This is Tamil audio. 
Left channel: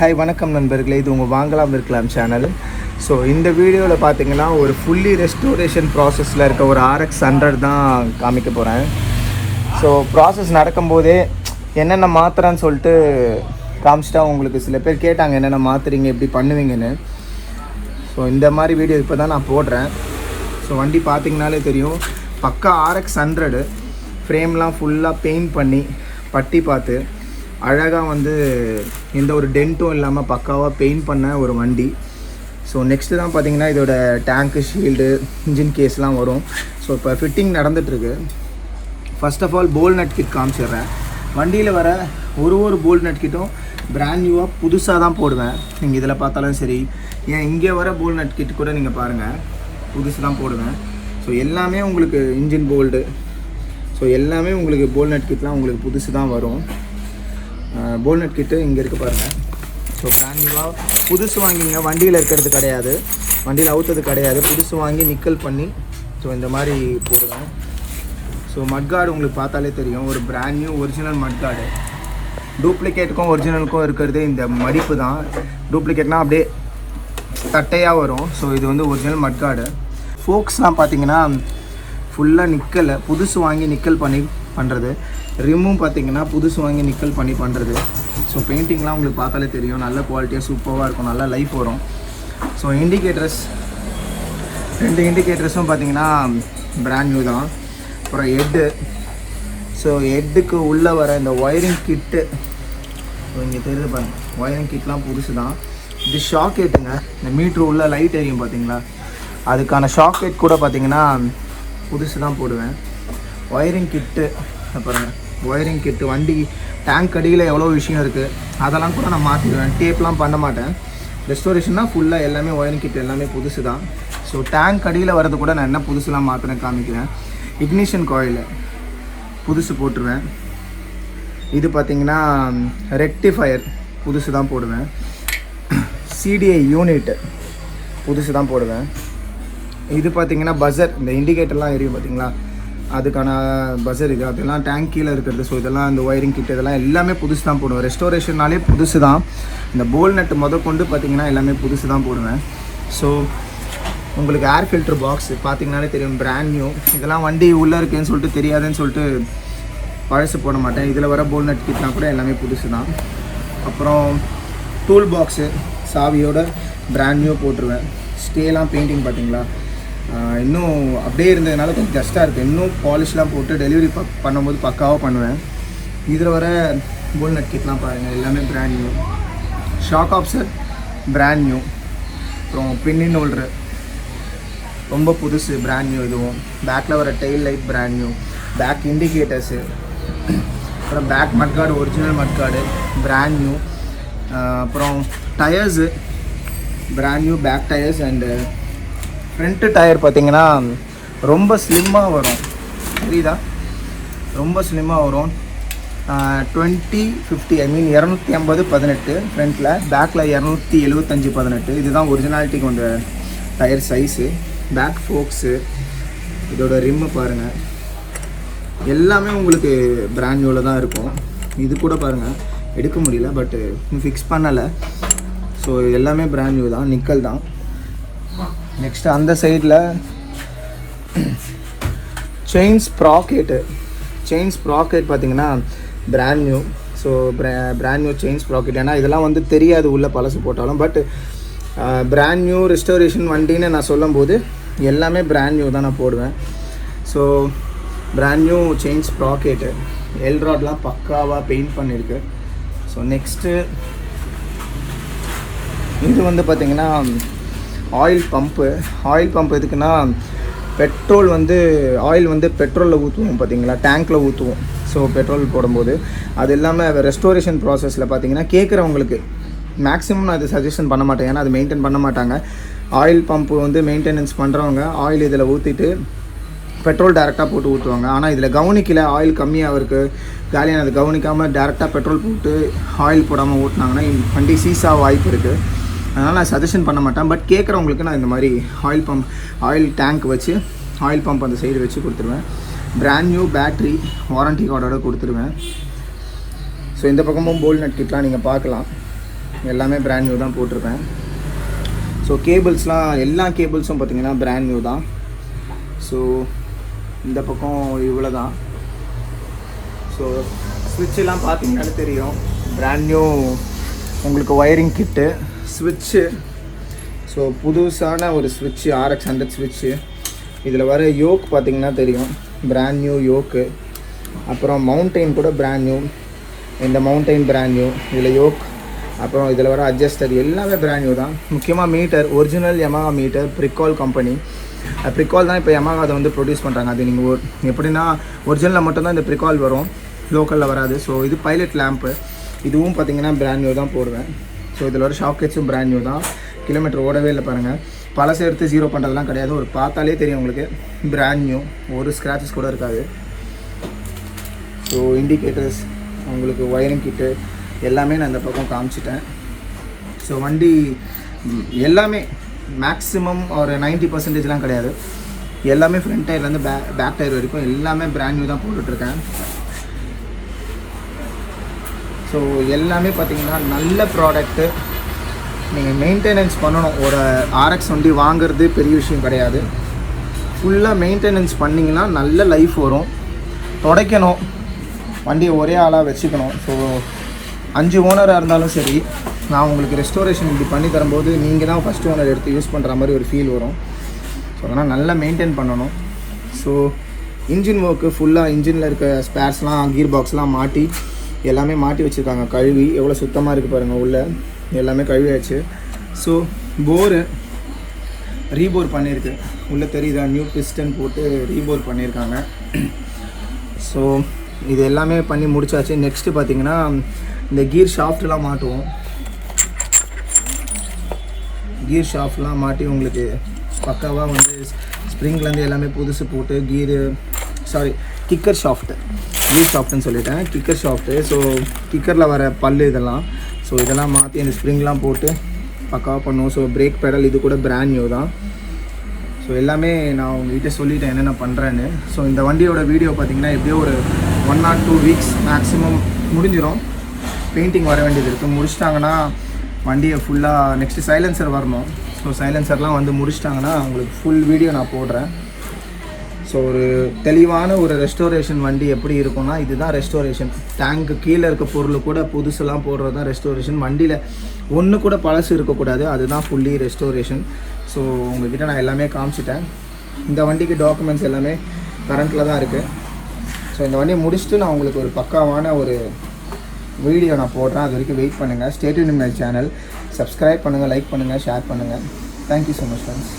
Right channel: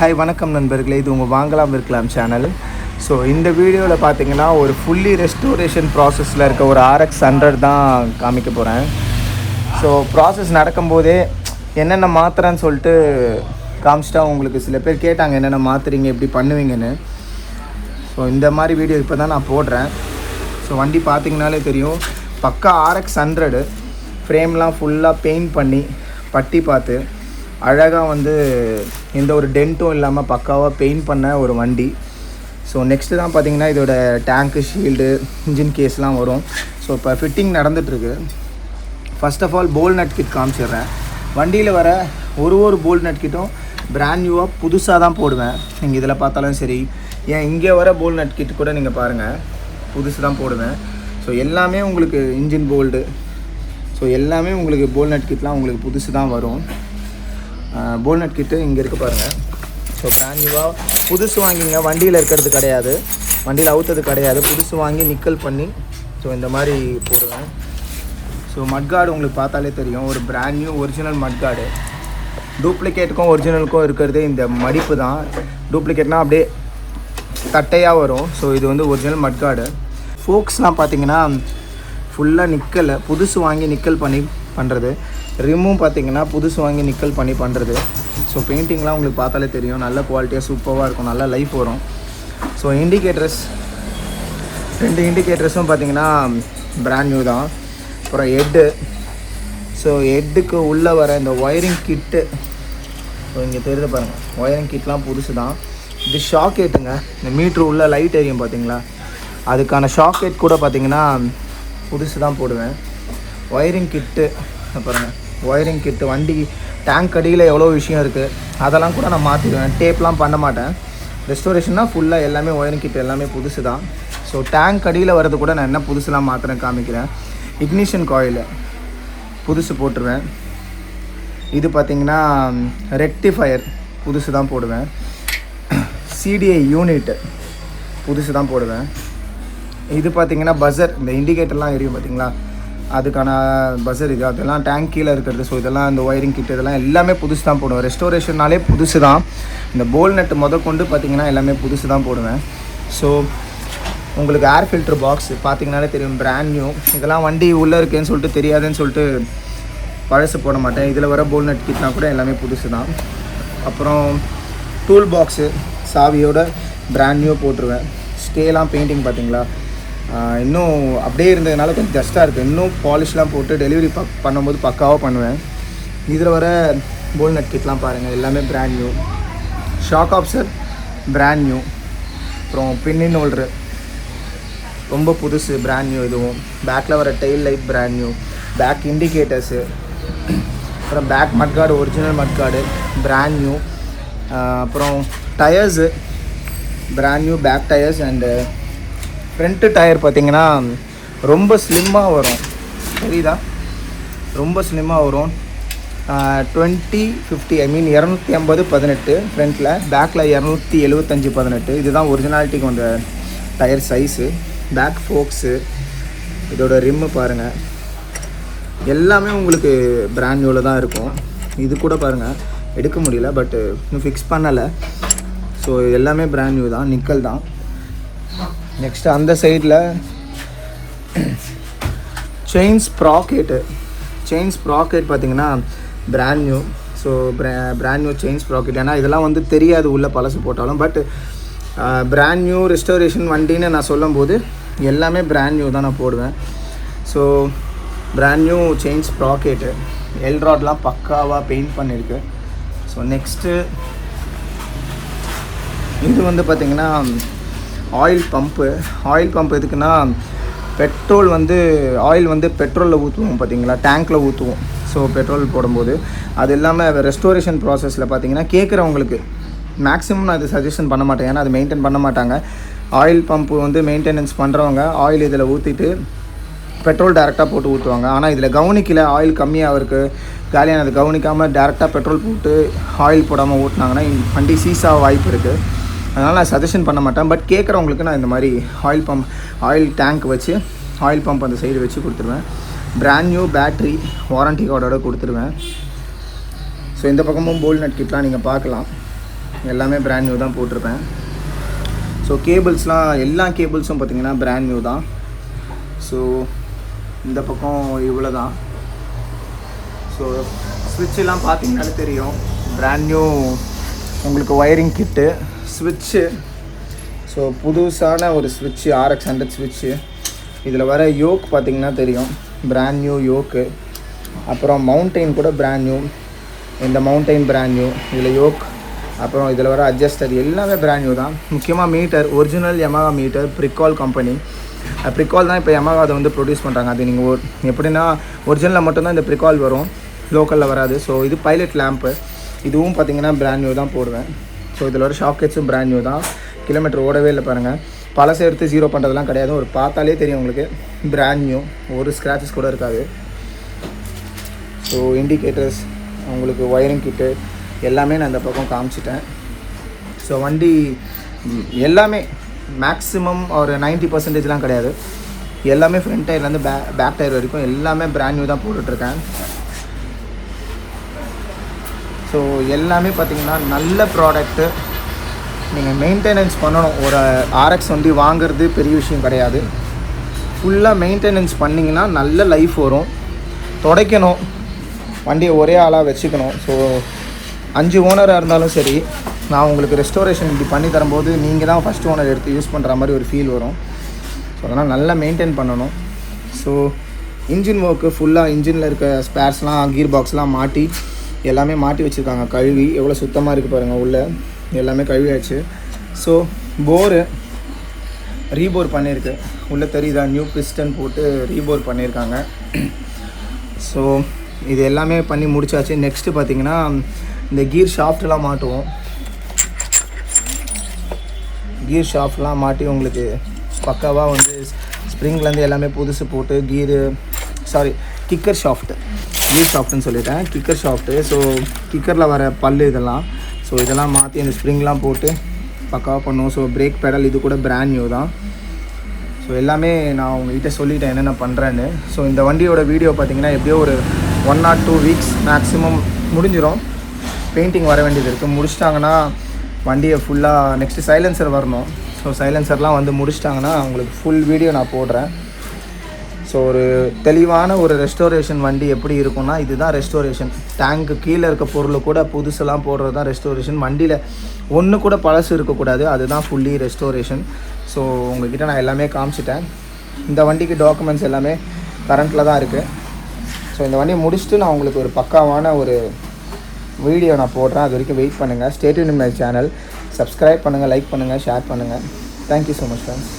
ஹாய் வணக்கம் நண்பர்களே, இது உங்கள் வாங்கலாம் இருக்கலாம் சேனல். ஸோ இந்த வீடியோவில் பார்த்தீங்கன்னா ஒரு ஃபுல்லி ரெஸ்டோரேஷன் ப்ராசஸில் இருக்க ஒரு RX 100 தான் காமிக்க போகிறேன். ஸோ ப்ராசஸ் நடக்கும்போதே என்னென்ன மாத்திரன்னு சொல்லிட்டு காமிச்சிட்டா உங்களுக்கு சில பேர் கேட்டாங்க என்னென்ன மாற்றுறீங்க எப்படி பண்ணுவீங்கன்னு. ஸோ இந்த மாதிரி வீடியோ இப்போ தான் நான் போடுறேன். ஸோ வண்டி பார்த்தீங்கனாலே தெரியும், பக்கா RX 100 ஃப்ரேம்லாம் ஃபுல்லாக பெயிண்ட் பண்ணி பட்டி பார்த்து அழகாக வந்து எந்த ஒரு டென்ட்டும் இல்லாமல் பக்காவாக பெயிண்ட் பண்ண ஒரு வண்டி. ஸோ நெக்ஸ்ட்டு தான் பார்த்தீங்கன்னா இதோட டேங்க்கு, ஷீல்டு, இன்ஜின் கேஸ்லாம் வரும். ஸோ இப்போ ஃபிட்டிங் நடந்துகிட்ருக்கு. First of all bolt nut kit காமிச்சிடுறேன். வண்டியில் வர ஒரு போல் நட் கிட்டும் பிராண்ட் நியூவாக புதுசாக தான் போடுவேன். நீங்கள் இதில் பார்த்தாலும் சரி, ஏன் இங்கே வர போல் நட் கிட் கூட நீங்கள் பாருங்கள், புதுசு தான் போடுவேன். ஸோ எல்லாமே உங்களுக்கு இன்ஜின் போல்டு, ஸோ எல்லாமே உங்களுக்கு போல் நட் கிட்லாம் உங்களுக்கு புதுசு தான் வரும். போல் நட் கிட்டு இங்கே இருக்க பாருங்கள். ஸோ பிராண்ட் நியூவாக புதுசு வாங்கிங்க, வண்டியில் இருக்கிறது கிடையாது, வண்டியில் அவுத்தது கிடையாது, புதுசு வாங்கி நிக்கல் பண்ணி ஸோ இந்த மாதிரி போடுவேன். ஸோ மட்கார்டு உங்களுக்கு பார்த்தாலே தெரியும், ஒரு பிராண்ட் நியூ ஒரிஜினல் மட்கார்டு. டூப்ளிகேட்டுக்கும் ஒரிஜினலுக்கும் இருக்கிறது இந்த மடிப்பு தான். டூப்ளிகேட்னால் அப்படியே தட்டையாக வரும். ஸோ இது வந்து ஒரிஜினல் மட்கார்டு. ஃபோக்ஸ்லாம் பார்த்தீங்கன்னா ஃபுல்லாக நிக்கல், புதுசு வாங்கி நிக்கல் பண்ணி பண்ணுறது. ரிம்மும் பார்த்தீங்கன்னா புதுசு வாங்கி நிக்கல் பண்ணி பண்ணுறது. ஸோ பெயிண்டிங்லாம் உங்களுக்கு பார்த்தாலே தெரியும், நல்ல குவாலிட்டியாக சூப்பராக இருக்கும், நல்ல லைஃப் வரும். ஸோ இண்டிகேட்டர்ஸ், 2 இண்டிகேட்டர்ஸும் பார்த்தீங்கன்னா பிராண்ட் நியூ தான். அப்புறம் ஹெட்டு, ஸோ ஹெட்டுக்கு உள்ளே வர இந்த ஒயரிங் கிட்டு, ஸோ இங்கே தெரியுது பாருங்கள், ஒயரிங் கிட்லாம் புதுசு தான். இது ஷாக்கெட்டுங்க, இந்த மீட்ரு உள்ள லைட் எரியும் பார்த்தீங்களா, அதுக்கான ஷாக்கெட் கூட பார்த்தீங்கன்னா புதுசு தான் போடுவேன். ஒயரிங் கிட்டு, அப்புறம் ஒயரிங் கிட்டு, வண்டி டேங்க் அடியில் எவ்வளோ விஷயம் இருக்குது அதெல்லாம் கூட நான் மாற்றிடுவேன். டேப்லாம் பண்ண மாட்டேன். ரெஸ்டோரேஷன்னா ஃபுல்லாக எல்லாமே ஒயரிங் கிட்டு எல்லாமே புதுசு தான். ஸோ டேங்க் அடியில் வர்றது கூட நான் என்ன புதுசுலாம் மாற்றுறேன் காமிக்கிறேன். இக்னிஷன் காயில் புதுசு போட்டுருவேன். இது பார்த்திங்கன்னா ரெக்டிஃபயர் புதுசு தான் போடுவேன். CDI யூனிட் புதுசு தான் போடுவேன். இது பார்த்திங்கன்னா பஸர், இந்த இண்டிகேட்டர்லாம் எரியும் பார்த்தீங்களா, அதுக்கான பஸர் இது, அதெல்லாம் டேங்க் கீழே இருக்கிறது. ஸோ இதெல்லாம் இந்த ஒயரிங் கிட் இதெல்லாம் எல்லாமே புதுசு தான் போடுவேன். ரெஸ்டோரேஷன்னாலே புதுசு தான். இந்த போல் நட்டு கொண்டு பார்த்திங்கன்னா எல்லாமே புதுசு தான் போடுவேன். ஸோ உங்களுக்கு ஏர் ஃபில்ட்ரு பாக்ஸ் பார்த்திங்கனாலே தெரியும், பிராண்ட் நியூ. இதெல்லாம் வண்டி உள்ளே இருக்குதுன்னு சொல்லிட்டு தெரியாதுன்னு சொல்லிட்டு பழசு போட மாட்டேன். இதில் வர போல் நட் கிட்லாம் கூட எல்லாமே புதுசு தான். அப்புறம் டூல் பாக்ஸு சாவியோட பிராண்ட் நியூ போட்டுருவேன். ஸ்டேலாம் பெயிண்டிங் பார்த்திங்களா இன்னும் அப்படியே இருந்ததுனால கொஞ்சம் டஸ்ட்டாக இருக்குது. இன்னும் பாலிஷ்லாம் போட்டு டெலிவரி பண்ணும்போது பக்காவாக பண்ணுவேன். இதில் வர போல் நட் கிட்லாம் பாருங்கள், எல்லாமே brand new. Shock absorber brand new. அப்புறம் பின்னின் ஹோல்டரு ரொம்ப புதுசு, பிராண்ட் நியூ. இதுவும் பேக்கில் வர tail light brand new. Back indicators, அப்புறம் back mudguard original mudguard brand new. அப்புறம் tyres brand new, back tyres. And front tyre பார்த்திங்கன்னா ரொம்ப ஸ்லிம்மாக வரும், சரிதா, ரொம்ப ஸ்லிம்மாக வரும். 20/50 ஐ மீன் 250/18 ஃப்ரண்ட்டில், பேக்கில் 275/18. இதுதான் ஒரிஜினாலிட்டிக்கு வந்த டயர் சைஸு. பேக் ஃபோக்ஸு, இதோட ரிம்மை பாருங்கள், எல்லாமே உங்களுக்கு பிராண்ட் நியூவில் தான் இருக்கும். இது கூட பாருங்கள் எடுக்க முடியல, பட்டு இன்னும் ஃபிக்ஸ் பண்ணலை. ஸோ எல்லாமே பிராண்ட் நியூ தான், நிக்கல் தான். நெக்ஸ்ட்டு அந்த சைடில் செயின் ஸ்ப்ராக்கெட்டு, செயின் ஸ்ப்ராக்கெட் பார்த்திங்கன்னா brand new. So brand new chain sprocket. ஏன்னா இதெல்லாம் வந்து தெரியாது உள்ள பழசு போட்டாலும், பட் பிராண்ட் நியூ ரெஸ்டோரேஷன் வண்டின்னு நான் சொல்லும் போது எல்லாமே பிராண்ட் நியூ தான் நான் போடுவேன். So brand new chain sprocket, எல்ராட்லாம் பக்காவாக பெயிண்ட் பண்ணியிருக்கு. ஸோ நெக்ஸ்ட்டு இது வந்து பார்த்திங்கன்னா ஆயில் பம்பு. ஆயில் பம்ப் எதுக்குன்னா, பெட்ரோல் வந்து ஆயில் வந்து பெட்ரோலில் ஊற்றுவோம் பார்த்தீங்களா, டேங்க்கில் ஊற்றுவோம். ஸோ பெட்ரோல் போடும்போது அது இல்லாமல் ரெஸ்டோரேஷன் ப்ராசஸில் பார்த்தீங்கன்னா கேட்குறவங்களுக்கு மேக்ஸிமம் நான் இது சஜஷன் பண்ண மாட்டேன், ஏன்னா அது மெயின்டைன் பண்ண மாட்டாங்க. ஆயில் பம்பு வந்து மெயின்டெனன்ஸ் பண்ணுறவங்க ஆயில் இதில் ஊற்றிட்டு பெட்ரோல் டேரெக்டாக போட்டு ஊற்றுவாங்க. ஆனால் இதில் கவனிக்கல, ஆயில் கம்மியாக இருக்குது காலியானது கவனிக்காமல் டேரெக்டாக பெட்ரோல் போட்டு ஆயில் போடாமல் ஊட்டினாங்கன்னா வண்டி சீஸாக வாய்ப்பு இருக்குது. அதனால் நான் சஜஷன் பண்ண மாட்டேன். பட் கேட்குறவங்களுக்கு நான் இந்த மாதிரி ஆயில் பம்ப், ஆயில் டேங்க் வச்சு ஆயில் பம்ப் அந்த சைடு வச்சு கொடுத்துருவேன். பிராண்ட் நியூ பேட்ரி வாரண்டி கார்டோட கொடுத்துருவேன். ஸோ இந்த பக்கமும் போல் நட் கிட்லாம் நீங்கள் பார்க்கலாம். எல்லாமே பிராண்ட் நியூ தான் போட்டிருப்பேன். ஸோ கேபிள்ஸ்லாம் எல்லா கேபிள்ஸும் பார்த்திங்கன்னா பிராண்ட் நியூ தான். ஸோ இந்த பக்கம் இவ்வளோ தான். ஸோ ஸ்விட்செல்லாம் பார்த்தீங்கன்னா தெரியும், பிராண்ட் நியூ உங்களுக்கு ஒயரிங் கிட்டு, ஸ்விட்சு. ஸோ புதுசான ஒரு ஸ்விட்சு, RX 100 ஸ்விட்சு. இதில் வர யோக் பார்த்திங்கன்னா தெரியும், பிராண்ட் நியூ யோக்கு. அப்புறம் மவுண்டெயின் கூட பிராண்ட் நியூ, இந்த மவுண்டெயின் பிராண்ட் நியூ. இதில் யோக், அப்புறம் இதில் வர அட்ஜஸ்டர் எல்லாமே பிராண்ட் நியூ தான். முக்கியமாக meter, original Yamaha meter, Pricol company. Pricol தான் இப்போ Yamaha அதை வந்து ப்ரொடியூஸ் பண்ணுறாங்க. அது நீங்கள் எப்படின்னா ஒரிஜினலில் மட்டும்தான் இந்த ப்ரிகால் வரும், லோக்கலில் வராது. ஸோ இது பைலட் லேம்ப்பு, இதுவும் பார்த்திங்கன்னா பிராண்ட் நியூ தான் போடுவேன். ஸோ இதில் வர ஷாக்கெட்ஸும் பிராண்ட் நியூ தான். கிலோமீட்டர் ஓடவே இல்லை பாருங்கள். பழசை எடுத்து 0 பண்ணுறதுலாம் கிடையாது. ஒரு பார்த்தாலே தெரியும் உங்களுக்கு, பிராண்ட் நியூ, ஒரு ஸ்க்ராச்சஸ் கூட இருக்காது. ஸோ இண்டிகேட்டர்ஸ், உங்களுக்கு ஒயரிங் கிட்டு எல்லாமே நான் இந்த பக்கம் காமிச்சிட்டேன். ஸோ வண்டி எல்லாமே மேக்ஸிமம் ஒரு 90% கிடையாது, எல்லாமே ஃப்ரண்ட் டயர்லேருந்து பேக் டயர் வரைக்கும் எல்லாமே பிராண்ட் நியூ தான் போட்டுட்ருக்கேன். ஸோ எல்லாமே பார்த்திங்கன்னா நல்ல ப்ராடக்ட்டு. நீங்கள் மெயின்டெனன்ஸ் பண்ணணும். ஒரு RX வண்டி வாங்குறது பெரிய விஷயம் கிடையாது. ஃபுல்லாக மெயின்டெனன்ஸ் பண்ணிங்கன்னா நல்ல லைஃப் வரும். துடைக்கணும், வண்டியை ஒரே ஆளாக வச்சுக்கணும். ஸோ 5 ஓனராக இருந்தாலும் சரி, நான் உங்களுக்கு ரெஸ்டோரேஷன் இப்படி பண்ணி தரும்போது நீங்கள் தான் ஃபஸ்ட் ஓனர் எடுத்து யூஸ் பண்ணுற மாதிரி ஒரு ஃபீல் வரும். அதெல்லாம் நல்லா மெயின்டைன் பண்ணணும். ஸோ இன்ஜின் ஒர்க்கு ஃபுல்லாக, இன்ஜினில் இருக்க ஸ்பேர்ஸ்லாம், கீர் பாக்ஸ்லாம் மாட்டி எல்லாமே மாட்டி வச்சுருக்காங்க. கழுவி எவ்வளோ சுத்தமாக இருக்குது பாருங்கள், உள்ளே எல்லாமே கழுவியாச்சு. ஸோ போரு ரீபோர் பண்ணியிருக்கு, உள்ளே தெரியுதா, நியூ பிஸ்டன் போட்டு ரீபோர் பண்ணியிருக்காங்க. ஸோ இது எல்லாமே பண்ணி முடிச்சாச்சு. நெக்ஸ்ட்டு பார்த்திங்கன்னா இந்த கீர் ஷாஃப்ட்லாம் மாட்டுவோம். கீர் ஷாஃப்ட்லாம் மாட்டி உங்களுக்கு பக்காவாக வந்து ஸ்ப்ரிங்லேருந்து எல்லாமே புதுசு போட்டு கிக்கர் ஷாஃப்ட்டு, கீர் ஷாஃப்ட்டுன்னு சொல்லிட்டேன், கிக்கர் ஷாஃப்ட்டு. ஸோ கிக்கரில் வர பல்லு இதெல்லாம், ஸோ இதெல்லாம் மாற்றி அந்த ஸ்ப்ரிங்லாம் போட்டு பக்காவாக பண்ணுவோம். ஸோ பிரேக் பெடல் இது கூட பிராண்ட் நியூ தான். ஸோ எல்லாமே நான் உங்கள்கிட்ட சொல்லிட்டேன் என்னென்ன பண்ணுறேன்னு. ஸோ இந்த வண்டியோட வீடியோ பார்த்திங்கன்னா எப்படியோ ஒரு 1 or 2 வீக்ஸ் மேக்ஸிமம் முடிஞ்சிடும். பெயிண்டிங் வர வேண்டியது இருக்குது. முடிச்சிட்டாங்கன்னா வண்டியை ஃபுல்லாக நெக்ஸ்ட்டு சைலன்சர் வரணும். ஸோ சைலன்சர்லாம் வந்து முடிச்சிட்டாங்கன்னா உங்களுக்கு ஃபுல் வீடியோ நான் போடுறேன். ஸோ ஒரு தெளிவான ஒரு ரெஸ்டோரேஷன் வண்டி எப்படி இருக்கும்னா இதுதான் ரெஸ்டோரேஷன். டேங்க்கு கீழே இருக்க பொருள் கூட புதுசெல்லாம் போடுறது தான் ரெஸ்டோரேஷன். வண்டியில் ஒன்று கூட பழசு இருக்கக்கூடாது, அதுதான் ஃபுல்லி ரெஸ்டோரேஷன். ஸோ உங்கள்கிட்ட நான் எல்லாமே காமிச்சிட்டேன். இந்த வண்டிக்கு டாக்குமெண்ட்ஸ் எல்லாமே கரண்ட்டில் தான் இருக்குது. ஸோ இந்த வண்டியை முடிச்சுட்டு நான் உங்களுக்கு ஒரு பக்காவான ஒரு வீடியோ நான் போடுறேன். அது வரைக்கும் வெயிட் பண்ணுங்கள். Stay tuned in my channel. Subscribe பண்ணுங்கள், லைக் பண்ணுங்கள், ஷேர் பண்ணுங்கள். Thank you so much friends.